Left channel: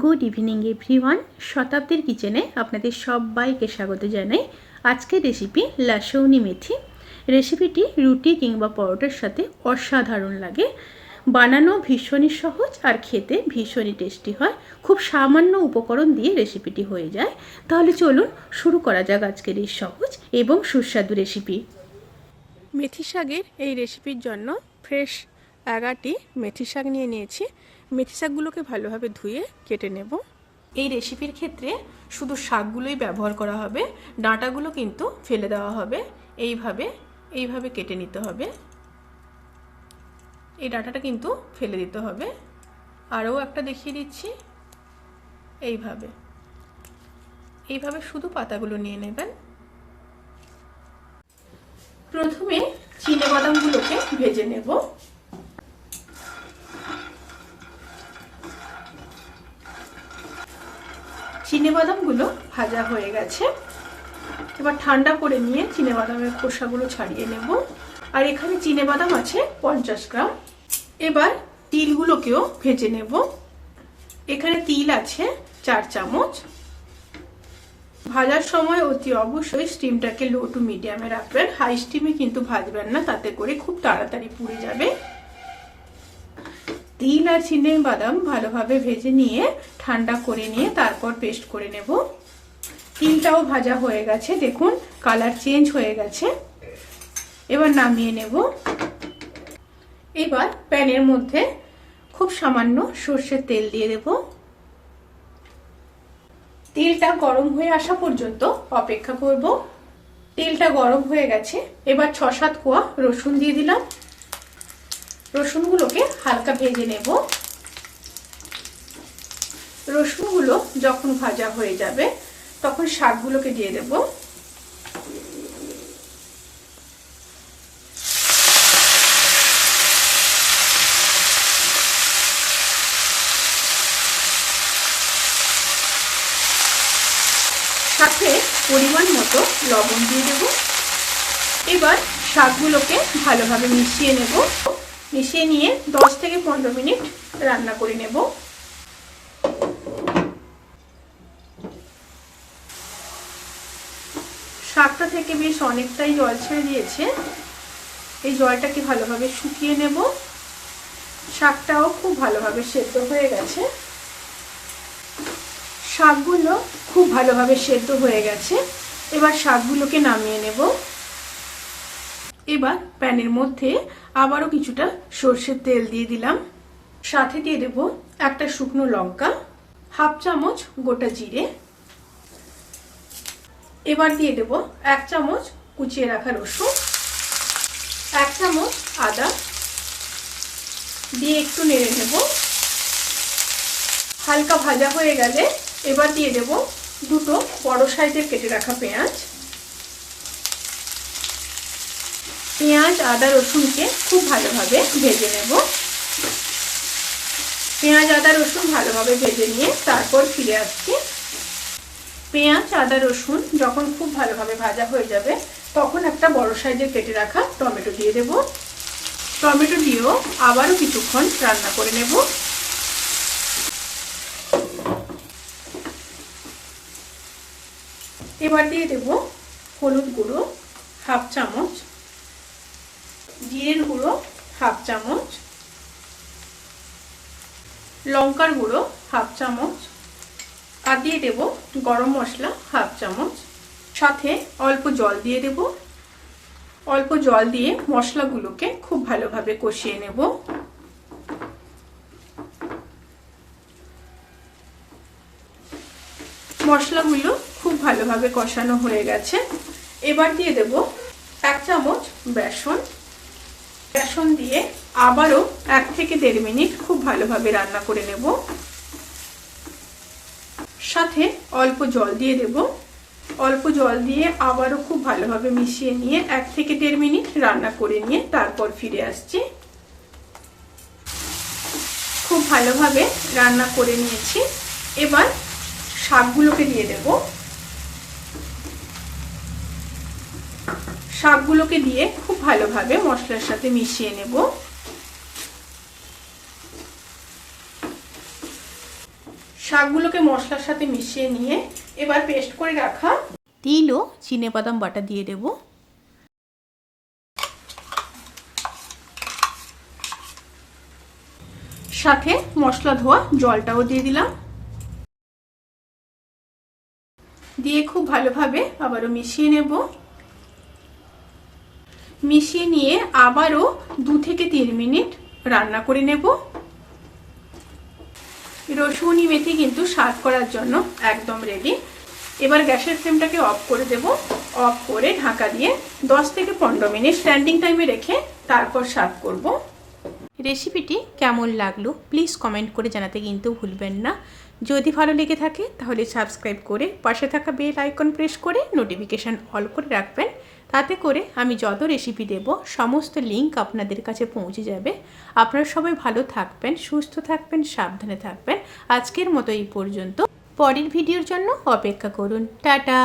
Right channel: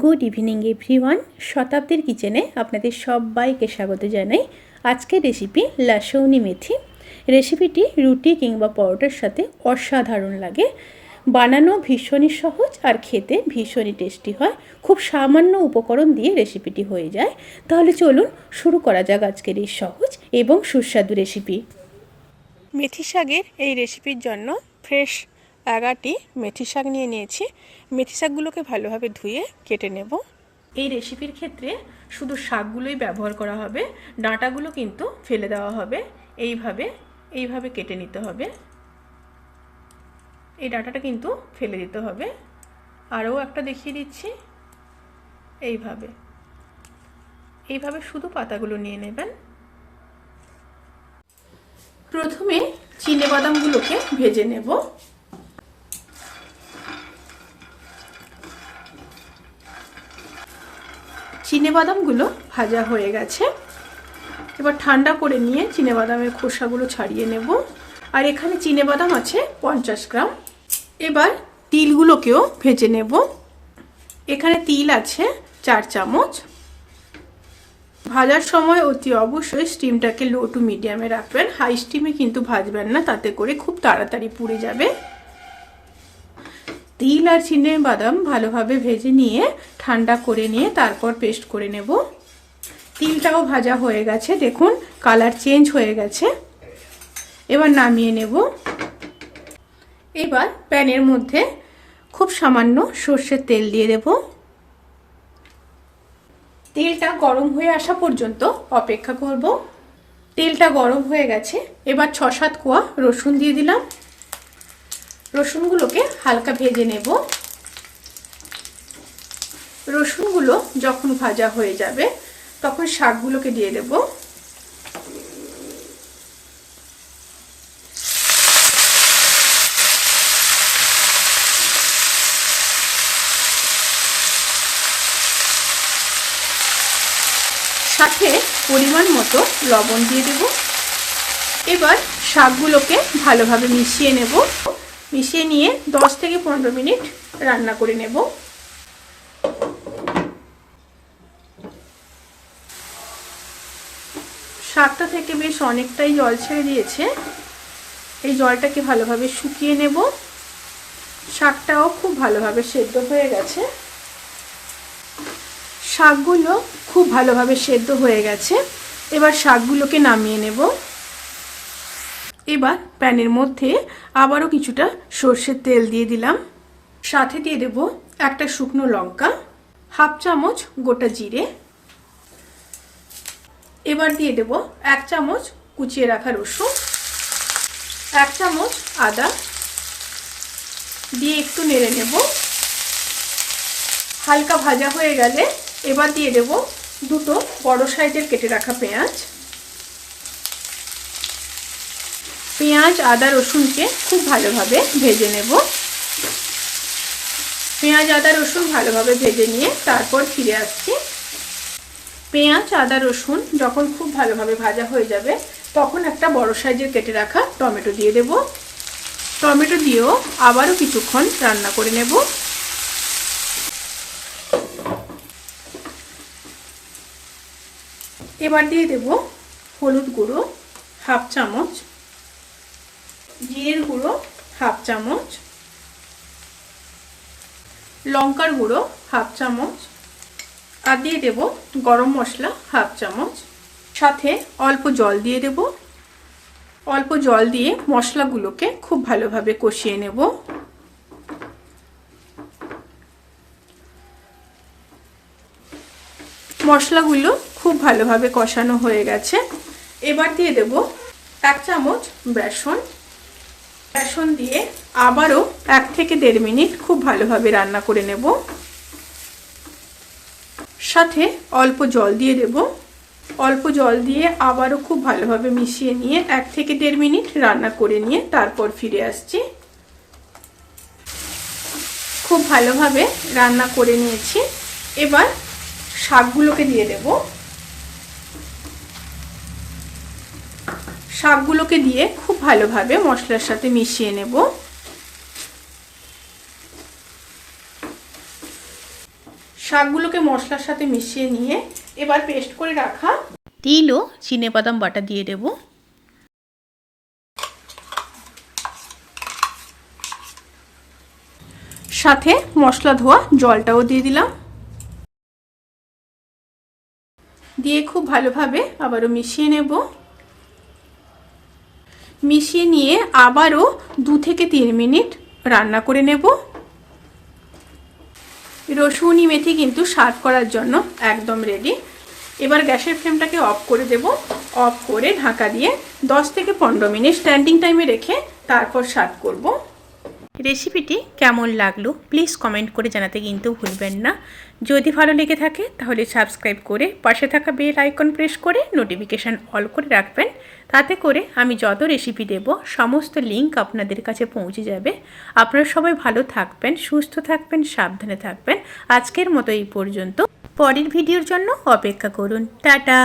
Good evening everyone. শতাব্দীর কিচেনে আপনাদের সবাইকে স্বাগত জানাই। আজকের রেসিপি লাসৌনি মেথি। রেসিপিটি রুটি কিংবা পরোটার সাথে অসাধারণ লাগে। বানানো ভীষণই সহজ আর খেতে ভীষণই টেস্টি হয়। খুব সামান্য উপকরণ দিয়ে রেসিপিটি হয়ে যায়। তাহলে চলুন শুরু করা যাক আজকের এই সহজ এবং সুস্বাদু রেসিপি। মেথি শাকের এই রেসিপির জন্য ফ্রেশ 11টি মেথি শাক নিয়ে নিয়েছি। মেথি শাকগুলোকে ভালোভাবে ধুয়ে কেটে নেব। এই রেসিপির ক্ষেত্রে শুধু শাকগুলোই ব্যবহার করা হবে, ডাঁটাগুলো কিন্তু ফেলে দেওয়া হবে। এইভাবে কেটে নিতে হবে। এই ডাঁটাটা কিন্তু ফেলে দিতে হবে। আরও একটা দেখিয়ে দিচ্ছি। এইভাবে শুধু পাতাগুলো নিয়ে নেবেন। প্রথমে চিনেবাদামগুলোকে ভেজে নেব। চিনেবাদামগুলো ভাজা হয়ে গেছে। এবার ঠান্ডা করে নিয়ে চিনেবাদামের খোসাগুলো ছাড়িয়ে নেব। আর এখানে চিনেবাদাম আছে 50 গ্রাম। এবার তিলগুলোকেও ভেজে নেব। এখানে তিল আছে 4 চামচ। ভাজার সময় অতি অবশ্যই স্টিমটাকে লো টু মিডিয়ামে রাখবেন। হাই স্টিমে কিন্তু ভাজবেন না, তাতে করে খুব তাড়াতাড়ি পুড়ে যাবে। তিল আর চিনেবাদাম ভালোভাবে ভেজে নিয়ে ঠান্ডা করে নিয়ে তারপর পেস্ট করে নেব। তিলটাও ভাজা হয়ে গেছে, দেখুন কালার চেঞ্জ হয়ে গেছে। এবার নামিয়ে নেব। এবার প্যানের মধ্যে খুব সামান্য সর্ষের তেল দিয়ে দেব। তেলটা গরম হয়ে আসা পর্যন্ত অপেক্ষা করব। তেলটা গরম হয়ে গেছে। এবার 6-7 কোয়া রসুন দিয়ে দিলাম। রসুনগুলোকে হালকা ভেজে নেব। রসুনগুলো যখন ভাজা হয়ে যাবে তখন শাকগুলোকে দিয়ে দেব। সাথে পরিমাণ মতো লবণ দিয়ে দেব। এবার শাকগুলোকে ভালোভাবে মিশিয়ে নেব। মিশিয়ে নিয়ে 10 থেকে 15 মিনিট রান্না করে নেব। শাকটা থেকে বেশ অনেকটাই জল ছেড়ে দিয়েছে। এই জলটাকে ভালোভাবে শুকিয়ে নেব। শাকটাও খুব ভালোভাবে সেদ্ধ হয়ে গেছে। শাকগুলো খুব ভালোভাবে সেদ্ধ হয়ে গেছে। এবার শাকগুলোকে নামিয়ে নেব। এবার প্যানের মধ্যে আবারও কিছুটা সর্ষের তেল দিয়ে দিলাম। সাথে দিয়ে দেব একটা শুকনো লঙ্কা, 1/2 চামচ গোটা জিরে। এবার দিয়ে দেব 1 চামচ কুচিয়ে রাখা রসুন, 1 চামচ আদা দিয়ে একটু নেড়ে নেব। হালকা ভাজা হয়ে গেলে এবার দিয়ে দেব 2টো বড় সাইজের কেটে রাখা পেঁয়াজ। পেঁয়াজ আদা রসুনকে খুব ভালোভাবে ভেজে নেব। পেঁয়াজ আদা রসুন ভালোভাবে ভেজে নিয়ে তারপর ফিরে আসছি। পেঁয়াজ আদা রসুন যখন খুব ভালোভাবে ভাজা হয়ে যাবে তখন একটা বড় সাইজের কেটে রাখা টমেটো দিয়ে দেব। টমেটো দিয়েও আবারও কিছুক্ষণ রান্না করে নেব। এবার দিয়ে দেব হলুদ গুঁড়ো 1/2 চামচ, জিরের গুঁড়ো 1/2 চামচ, লঙ্কার গুঁড়ো 1/2 চামচ, আর দিয়ে দেব গরম মশলা 1/2 চামচ। সাথে অল্প জল দিয়ে দেব। অল্প জল দিয়ে মশলাগুলোকে খুব ভালোভাবে কষিয়ে নেব। মশলাগুলো খুব ভালোভাবে কষানো হয়ে গেছে। এবার দিয়ে দেব 1 চামচ বেসন। বেসন দিয়ে আবারও 1 থেকে 1.5 মিনিট খুব ভালোভাবে রান্না করে নেব। সাথে অল্প জল দিয়ে দেব। অল্প জল দিয়ে আবারও খুব ভালোভাবে মিশিয়ে নিয়ে 1 থেকে 1.5 মিনিট রান্না করে নিয়ে তারপর ফিরে আসছি। খুব ভালোভাবে রান্না করে নিয়েছি। এবার শাকগুলোকে দিয়ে দেব। শাকগুলোকে দিয়ে খুব ভালোভাবে মশলার সাথে মিশিয়ে নেব। শাকগুলোকে মশলার সাথে মিশিয়ে নিয়ে এবার পেস্ট করে রাখা তিল ও চিনেবাদাম বাটা দিয়ে দেব। সাথে মশলা ধোয়া জলটাও দিয়ে দিলাম। দিয়ে খুব ভালোভাবে আবারও মিশিয়ে নেব। মিশিয়ে নিয়ে আবারও 2 থেকে 3 মিনিট রান্না করে নেব। রসুনি মেথি কিন্তু সার্ভ করার জন্য একদম রেডি। এবার গ্যাসের ফ্লেমটাকে অফ করে দেব। অফ করে ঢাকা দিয়ে 10 থেকে 15 মিনিট স্ট্যান্ডিং টাইমে রেখে তারপর সার্ভ করব। রেসিপিটি কেমন লাগলো প্লিজ কমেন্ট করে জানাতে কিন্তু ভুলবেন না। যদি ভালো লেগে থাকে তাহলে সাবস্ক্রাইব করে পাশে থাকা বেল আইকন প্রেস করে নোটিফিকেশান অল করে রাখবেন। তাতে করে আমি যত রেসিপি দেব সমস্ত লিঙ্ক আপনাদের কাছে পৌঁছে যাবে। আপনারা সবাই ভালো থাকবেন, সুস্থ থাকবেন, সাবধানে থাকবেন। আজকের মতো এই পর্যন্ত। পরের ভিডিওর জন্য অপেক্ষা করুন। টাটা।